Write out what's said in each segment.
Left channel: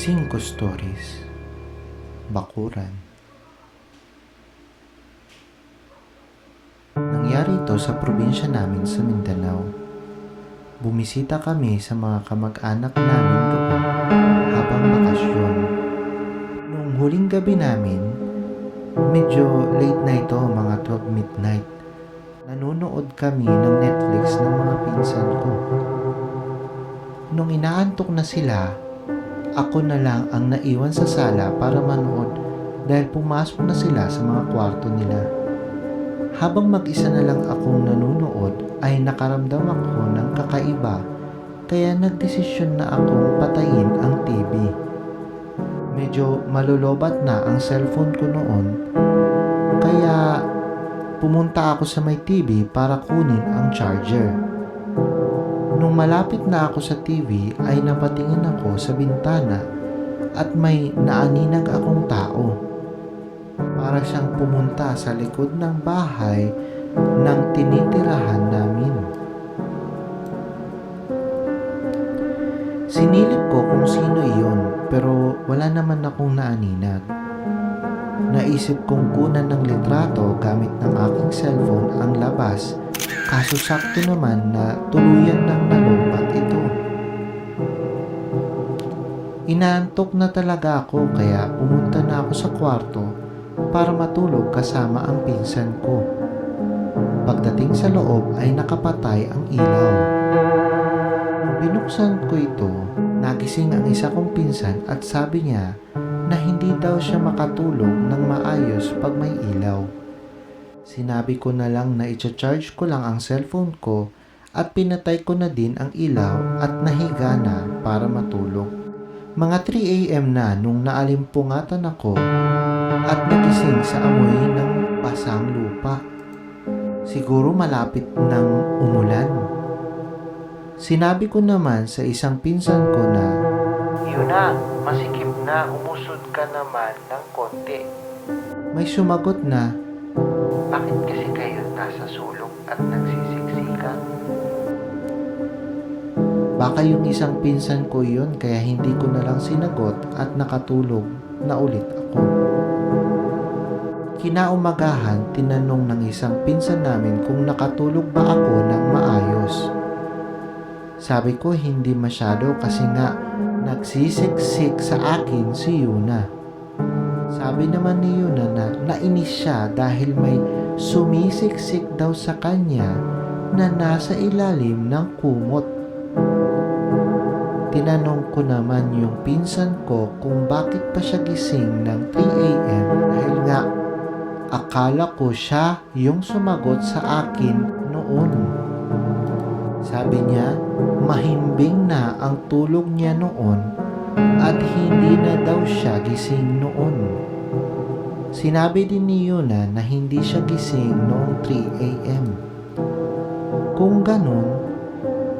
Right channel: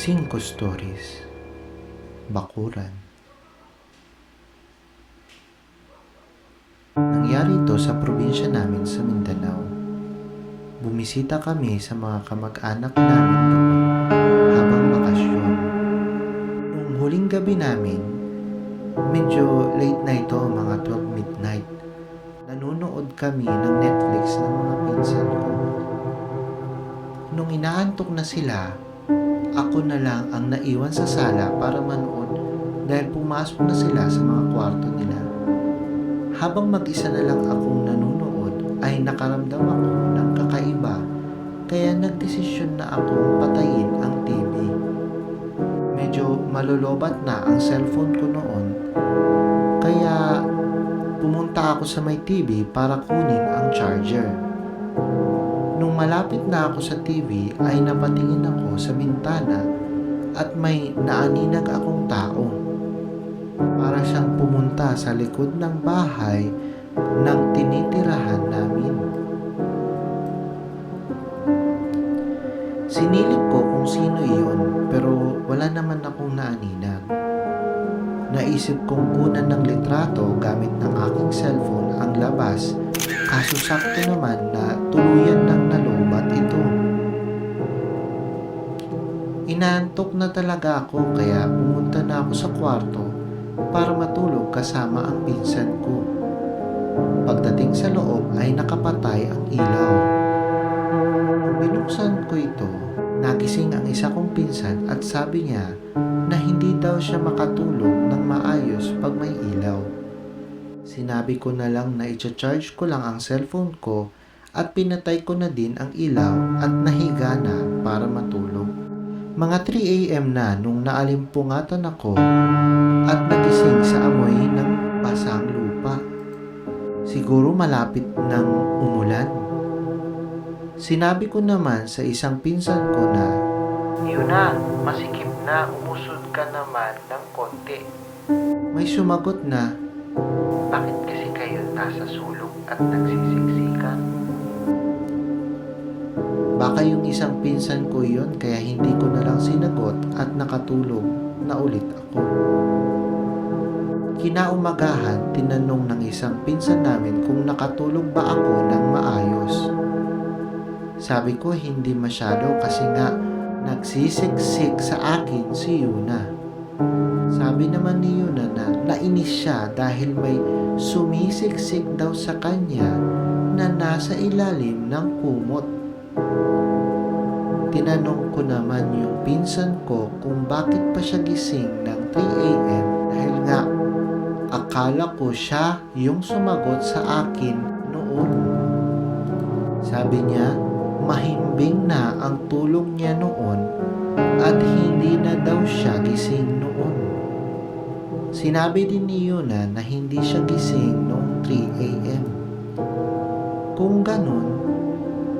5 Stories, Bakuran. Nangyari ito sa probinsya namin sa Mindanao. Bumisita kami sa mga kamag-anak namin doon habang bakasyon. Noong huling gabi namin, medyo late na ito, mga 12 midnight. Nanonood kami ng Netflix ng mga pinsan ko. Nung inaantok na sila, ako na lang ang naiwan sa sala para manood dahil pumasok na sila sa mga kwarto nila. Habang mag-isa na lang akong nanonood ay nakaramdam ako ng kakaiba kaya nagdesisyon na akong patayin ang TV. Medyo malolobat na ang cellphone ko noon kaya pumunta ako sa may TV para kunin ang charger. Nung malapit na ako sa TV ay napatingin ako sa bintana at may naaninag akong tao. Para siyang pumunta sa likod ng bahay ng tinitirahan namin. Sinilip ko kung sino iyon pero wala naman akong naaninag. Naisip kong kunan ng litrato gamit ng aking cellphone ang labas. Kaso sakto naman na tuluyan ng nalobat ito. Inaantok na talaga ako kaya pumunta na ako sa kwarto para matulog kasama ang pinsan ko. Pagdating sa loob ay nakapatay ang ilaw. Nung binuksan ko ito, nagising ang isa kong pinsan at sabi niya na hindi daw siya makatulog ng maayos pag may ilaw. Sinabi ko na lang na i-charge ko lang ang cellphone ko at pinatay ko na din ang ilaw at nahiga na para matulog. Mga 3 AM na nung naalimpungatan ako at nagising sa amoy ng basang lupa. Siguro malapit ng umulan. Sinabi ko naman sa isang pinsan ko na, "Yun na, masikip na, umusod ka naman ng konti." May sumagot na, "Bakit kasi kayo nasa sulok at nagsisiksikan?" Baka yung isang pinsan ko yun kaya hindi ko na lang sinagot at nakatulog na ulit ako. Kinaumagahan, tinanong ng isang pinsan namin kung nakatulog ba ako ng maayos. Sabi ko hindi masyado kasi nga nagsisiksik sa akin si Yuna. Sabi naman ni Yuna na nainis siya dahil may sumisiksik daw sa kanya na nasa ilalim ng kumot. Tinanong ko naman yung pinsan ko kung bakit pa siya gising ng 3 AM dahil nga akala ko siya yung sumagot sa akin noon. Sabi niya, mahimbing na ang tulog niya noon at hindi na daw siya gising noon. Sinabi din ni Yuna na hindi siya gising noong 3 AM. Kung ganun,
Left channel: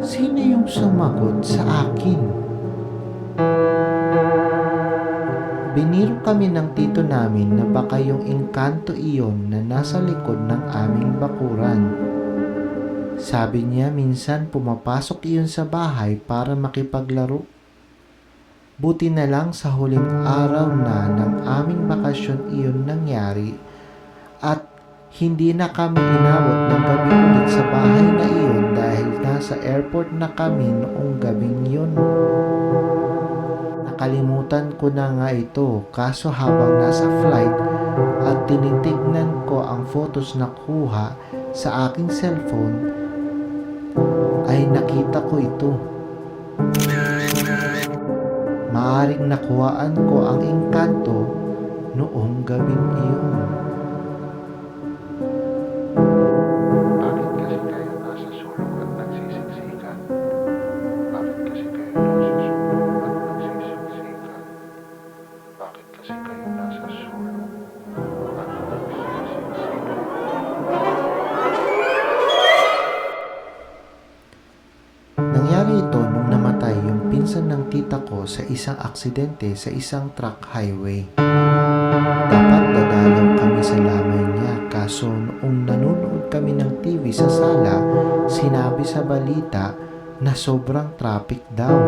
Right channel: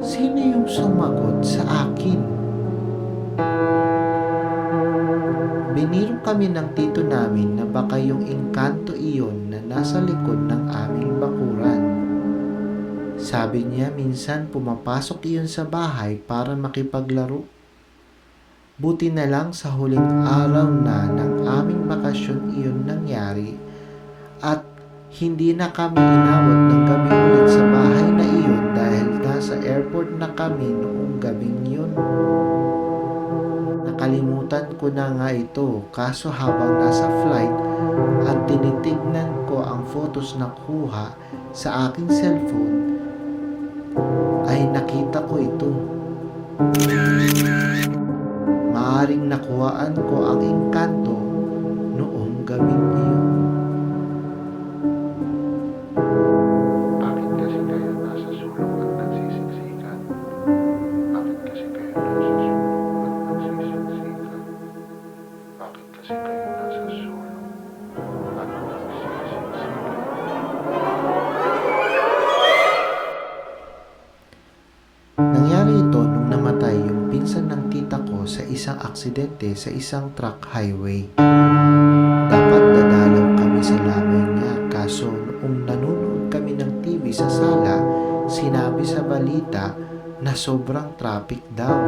sino yung sumagot sa akin? Biniro kami ng tito namin na baka yung engkanto iyon na nasa likod ng aming bakuran. Sabi niya minsan pumapasok iyon sa bahay para makipaglaro. Buti na lang sa huling araw na ng aming bakasyon iyon nangyari at hindi na kami inabot ng gabi ulit sa bahay na iyon dahil nasa airport na kami noong gabing yun. Nakalimutan ko na nga ito kaso habang nasa flight at tinitignan ko ang photos na kuha sa aking cellphone ay nakita ko ito. Maaring nakuhaan ko ang engkanto noong gabing iyon. Bakit kasi kayo nasa sulok at nagsisiksikan? Bakit kasi kayo nasa sulok at nagsisiksikan? Bakit kasi kayo nasa sulok at nagsisiksikan? Nangyari ito nung namatay yung pinsan ng tita ko sa isang aksidente sa isang truck highway. Dapat dadalaw kami sa lamay niya kaso noong nanonood kami ng TV sa sala, sinabi sa balita na sobrang traffic daw.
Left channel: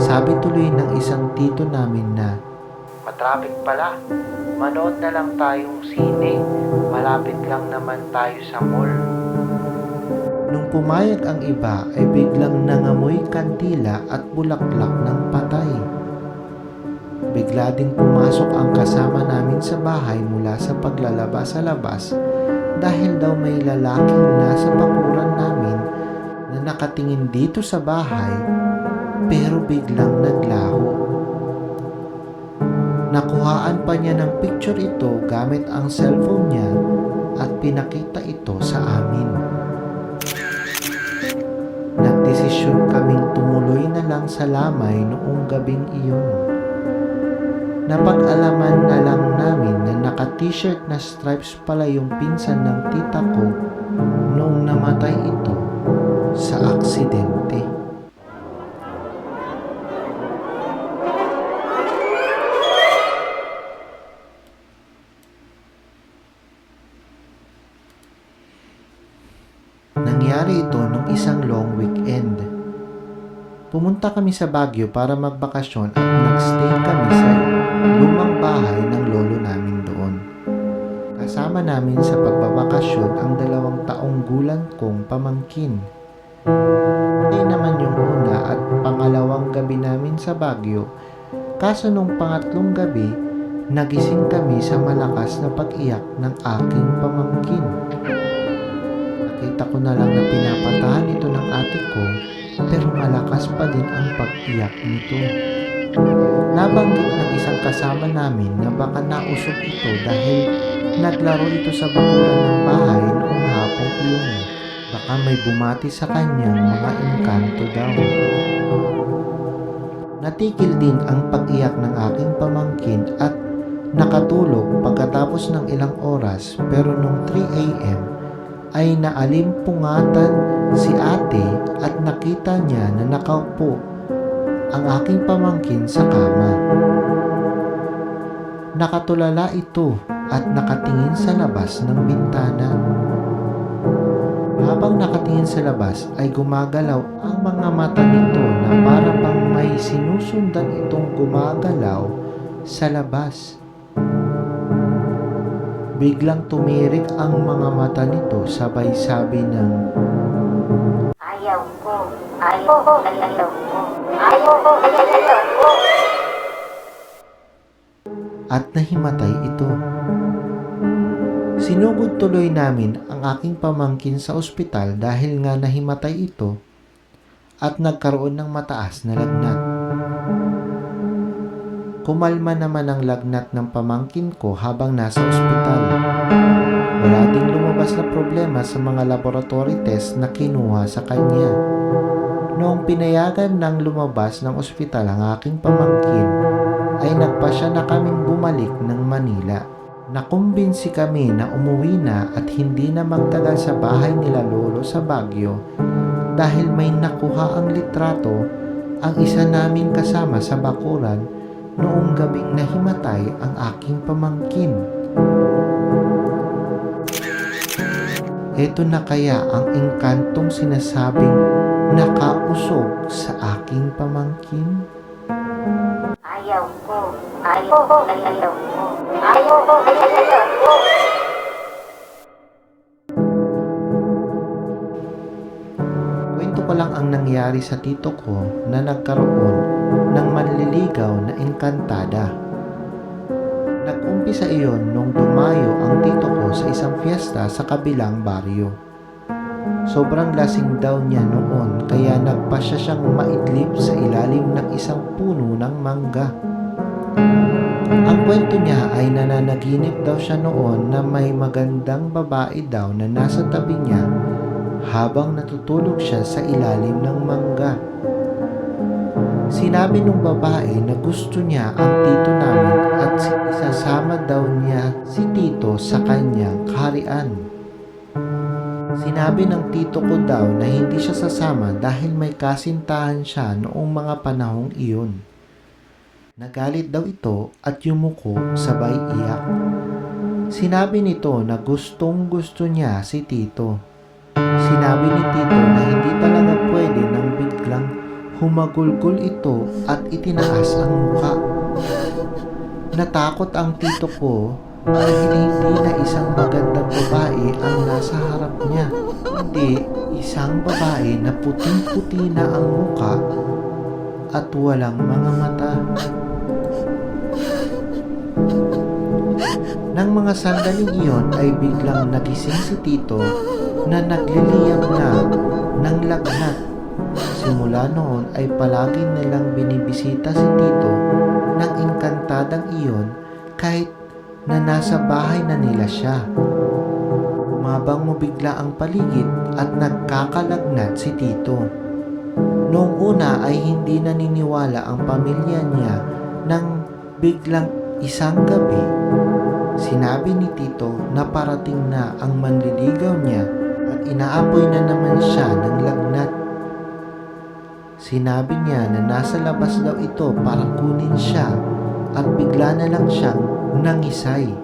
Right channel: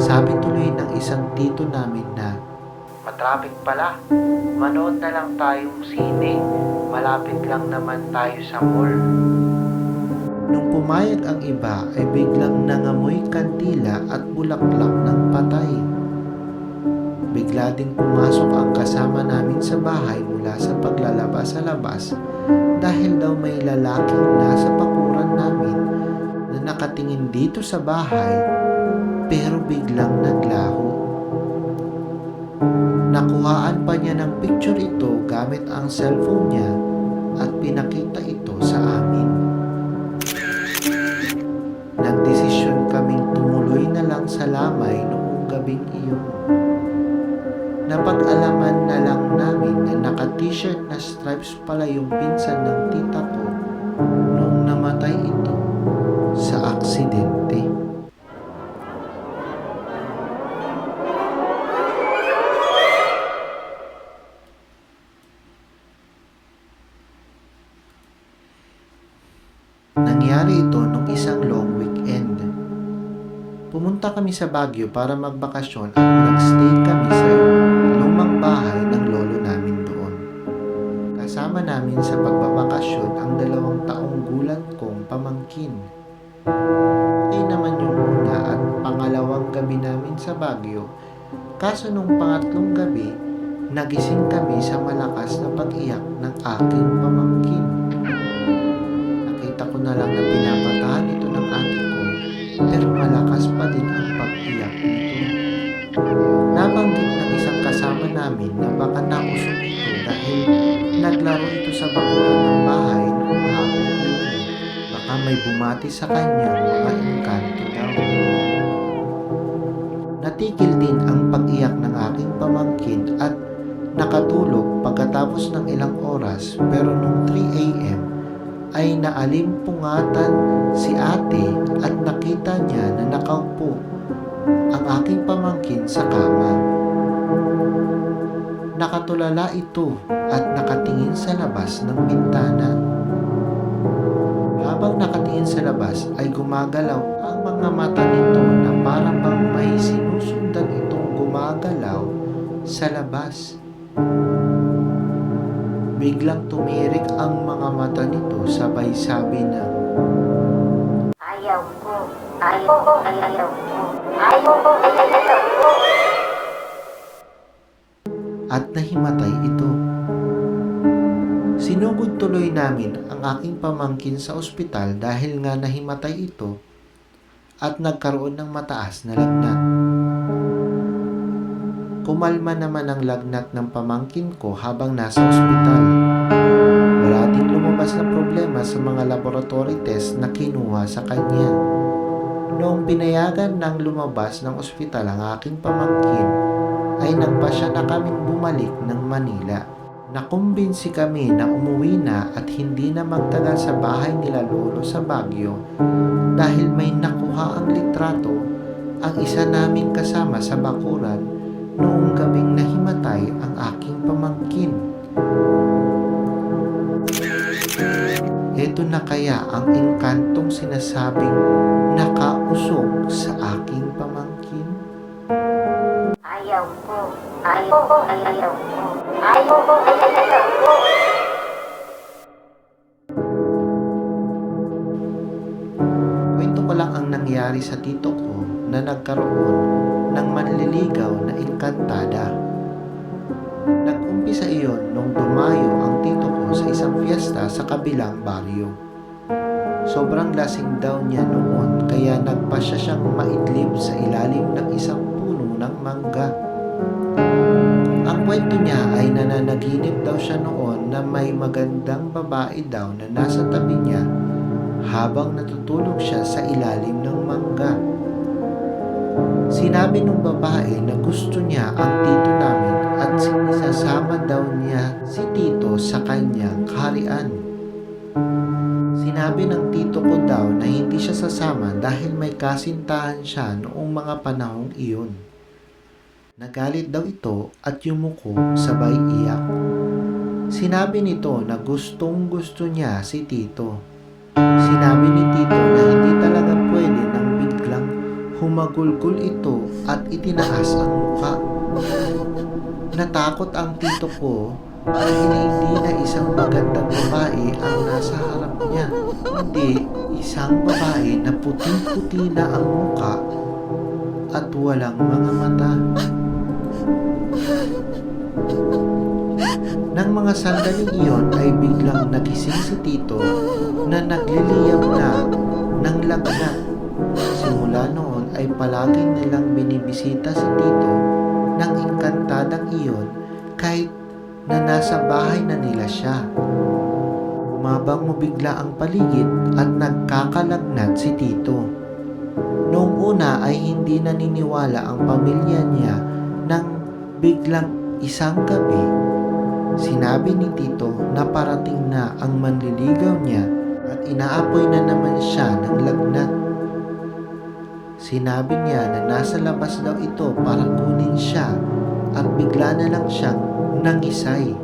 Sabi tuloy ng isang tito namin na, "Matraffic pala, manood na lang tayong sine, malapit lang naman tayo sa mall." Nung pumayag ang iba ay biglang nangamoy kandila at bulaklak ng patay. Bigla ding pumasok ang kasama namin sa bahay mula sa paglalaba sa labas dahil daw may lalaking nasa bakuran namin na nakatingin dito sa bahay pero biglang naglaho. Nakuhaan pa niya ng picture ito gamit ang cellphone niya at pinakita ito sa amin. Nagdesisyon kaming tumuloy na lang sa lamay noong gabing iyon. Napag-alaman na lang namin na naka-t-shirt na stripes pala yung pinsan ng tita ko noong namatay ito sa aksidente. Nangyari ito nung isang long weekend. Pumunta kami sa Baguio para magbakasyon at nagstay kami sa lumang bahay ng lolo namin doon. Kasama namin sa pagbabakasyon ang 2 taong gulang kong pamangkin. Okay naman yung una at pangalawang gabi namin sa Baguio, kaso nung pangatlong gabi, nagising kami sa malakas na pag-iyak ng aking pamangkin. Nakita ko na lang na pinapatahan ito ng ate ko, pero malakas pa din ang pag-iyak nito. Nabanggit ng isang kasama namin na baka nausog ito dahil naglaro ito sa bakuran ng bahay noong hapong iyon. Baka may bumati sa kanyang mga engkanto daw. Natigil din ang pag-iyak ng aking pamangkin at nakatulog pagkatapos ng ilang oras, pero nung 3 a.m. ay naalimpungatan si ate at nakita niya na nakaupo ang aking pamangkin sa kama. Nakatulala ito at nakatingin sa labas ng bintana. Habang nakatingin sa labas ay gumagalaw ang mga mata nito na para bang may sinusundan itong gumagalaw sa labas. Biglang tumirik ang mga mata nito sabay sabi ng, Ayaw ko. Ayaw ko. Ayaw ko. Ayaw ko. Ayaw ko. at nahimatay ito. Sinugod tuloy namin ang aking pamangkin sa ospital dahil nga nahimatay ito at nagkaroon ng mataas na lagnat. Kumalma naman ang lagnat ng pamangkin ko habang nasa ospital. Wala ding lumabas na problema sa mga laboratory test na kinuha sa kanya. Noong pinayagan ng lumabas ng ospital ang aking pamangkin, ay nagpasya na kaming bumalik ng Manila. Nakumbinsi kami na umuwi na at hindi na magtagal sa bahay nila lolo sa Baguio dahil may nakuha ang litrato ang isa naming kasama sa bakuran noong gabing nahimatay ang aking pamangkin. Ito na kaya ang engkantong sinasabing nakausog sa aking pamangkin? Ayaw ko. Ayaw ko. Ayaw ko. Ayaw ko. Ayaw ko. Kwento ko lang ang nangyari sa tito ko na nagkaroon ng manliligaw na engkantada. Nag-umpisa iyon nung dumayo ang tito ko sa isang fiesta sa kabilang baryo. Sobrang lasing daw niya noon kaya nagpasya siyang maidlip sa ilalim ng isang puno ng mangga. Ang kwento niya ay nananaginip daw siya noon na may magandang babae daw na nasa tabi niya habang natutulog siya sa ilalim ng mangga. Sinabi nung babae na gusto niya ang tito namin at isasama daw niya si tito sa kanyang kaharian. Sinabi ng tito ko daw na hindi siya sasama dahil may kasintahan siya noong mga panahong iyon. Nagalit daw ito at yumuko sabay iyak. Sinabi nito na gustong gusto niya si tito. Sinabi ni tito na hindi talaga pwede nang biglang Humagulgol ito at itinaas ang muka. Natakot ang tito ko dahil hindi na isang magandang babae ang nasa harap niya. Hindi isang babae na puting-puti na ang muka at walang mga mata. Nang mga sandaling iyon ay biglang nagising si tito na nagliliyab na ng lagnat. Simula noon ay palagi nilang binibisita si tito ng engkantadang iyon kahit na nasa bahay na nila siya. Umabang mo bigla ang paligid at nagkakalagnat si tito. Noong una ay hindi naniniwala ang pamilya niya nang biglang isang gabi, sinabi ni tito na parating na ang manliligaw niya at inaapoy na naman siya ng lagnat. Sinabi niya na nasa labas daw ito para kunin siya at bigla na lang siyang nangisay.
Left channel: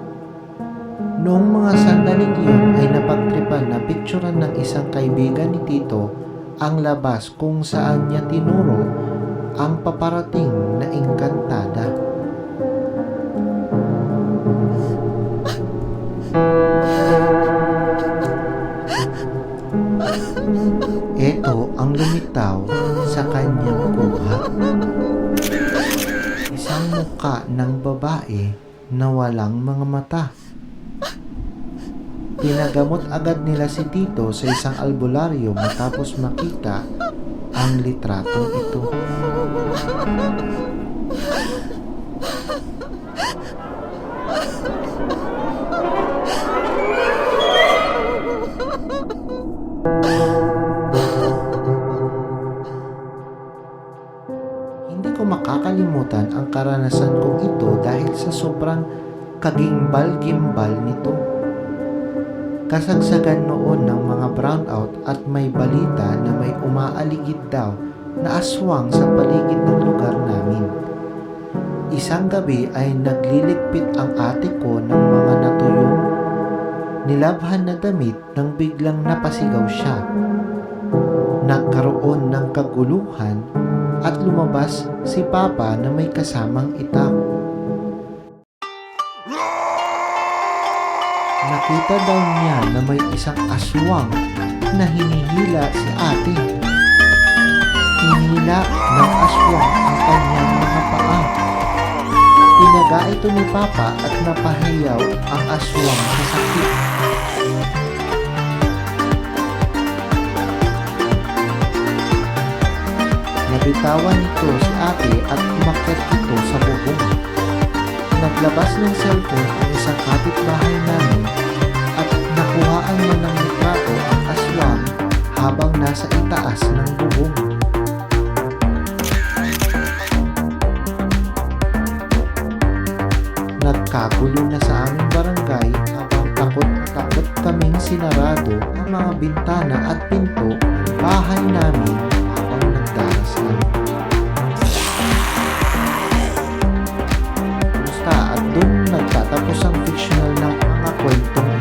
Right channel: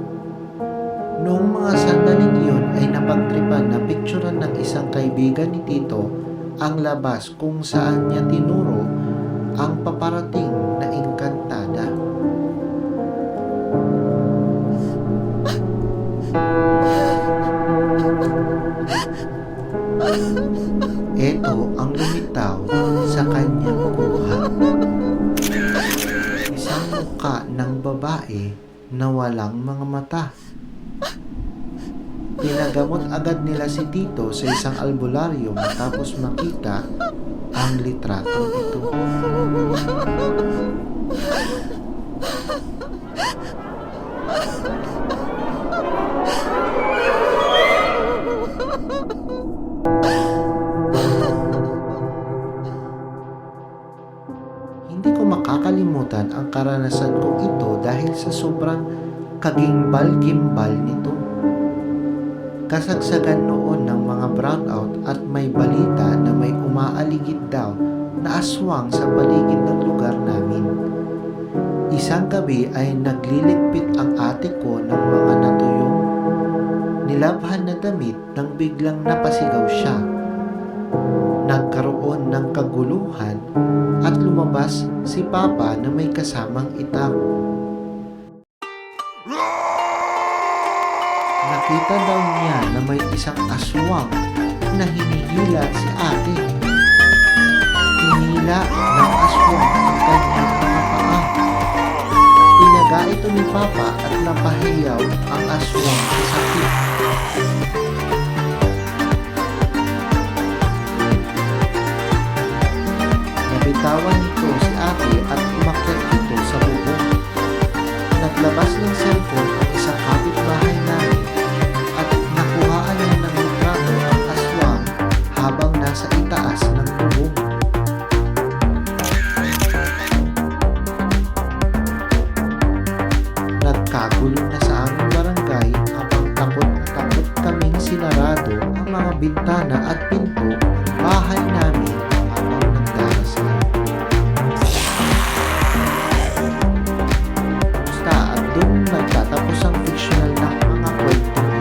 Noong mga sandaling iyon ay napagtripan na picturean ng isang kaibigan ni tito ang labas kung saan niya tinuro ang paparating na engkantada. Ito ang lumitaw sa kanyang kuha. Isang muka ng babae na walang mga mata. Pinagamot agad nila si tito sa isang albularyo matapos makita ang litratong ito. Hindi ko makakalimutan ang karanasan kong ito dahil sa sobrang kagimbal-gimbal nito. Kasagsagan noon ng mga brownout at may balita na may umaaligid daw na aswang sa paligid ng lugar namin. Isang gabi ay nagliligpit ang ate ko ng mga natuyong nilabhan na damit nang biglang napasigaw siya. Nagkaroon ng kaguluhan at lumabas si Papa na may kasamang itak. Nakita daw niya na may isang aswang na hinihila si ate. Hinila ng aswang ang kanyang mga paa. Tinaga ito ni Papa at napahiyaw ang aswang sa sakit. Nabitawan nito si ate at umakyat ito sa bubong. Naglabas ng cellphone ang isang kapitbahay namin at nakuhaan niya ng litrato ang aswang habang nasa itaas ng bubong. Nagkagulo na sa aming barangay habang takot na takot kaming sinarado ang mga bintana at pinto ng bahay namin habang nagdarasal. At doon nagtatapos ang fictional ng mga kwentong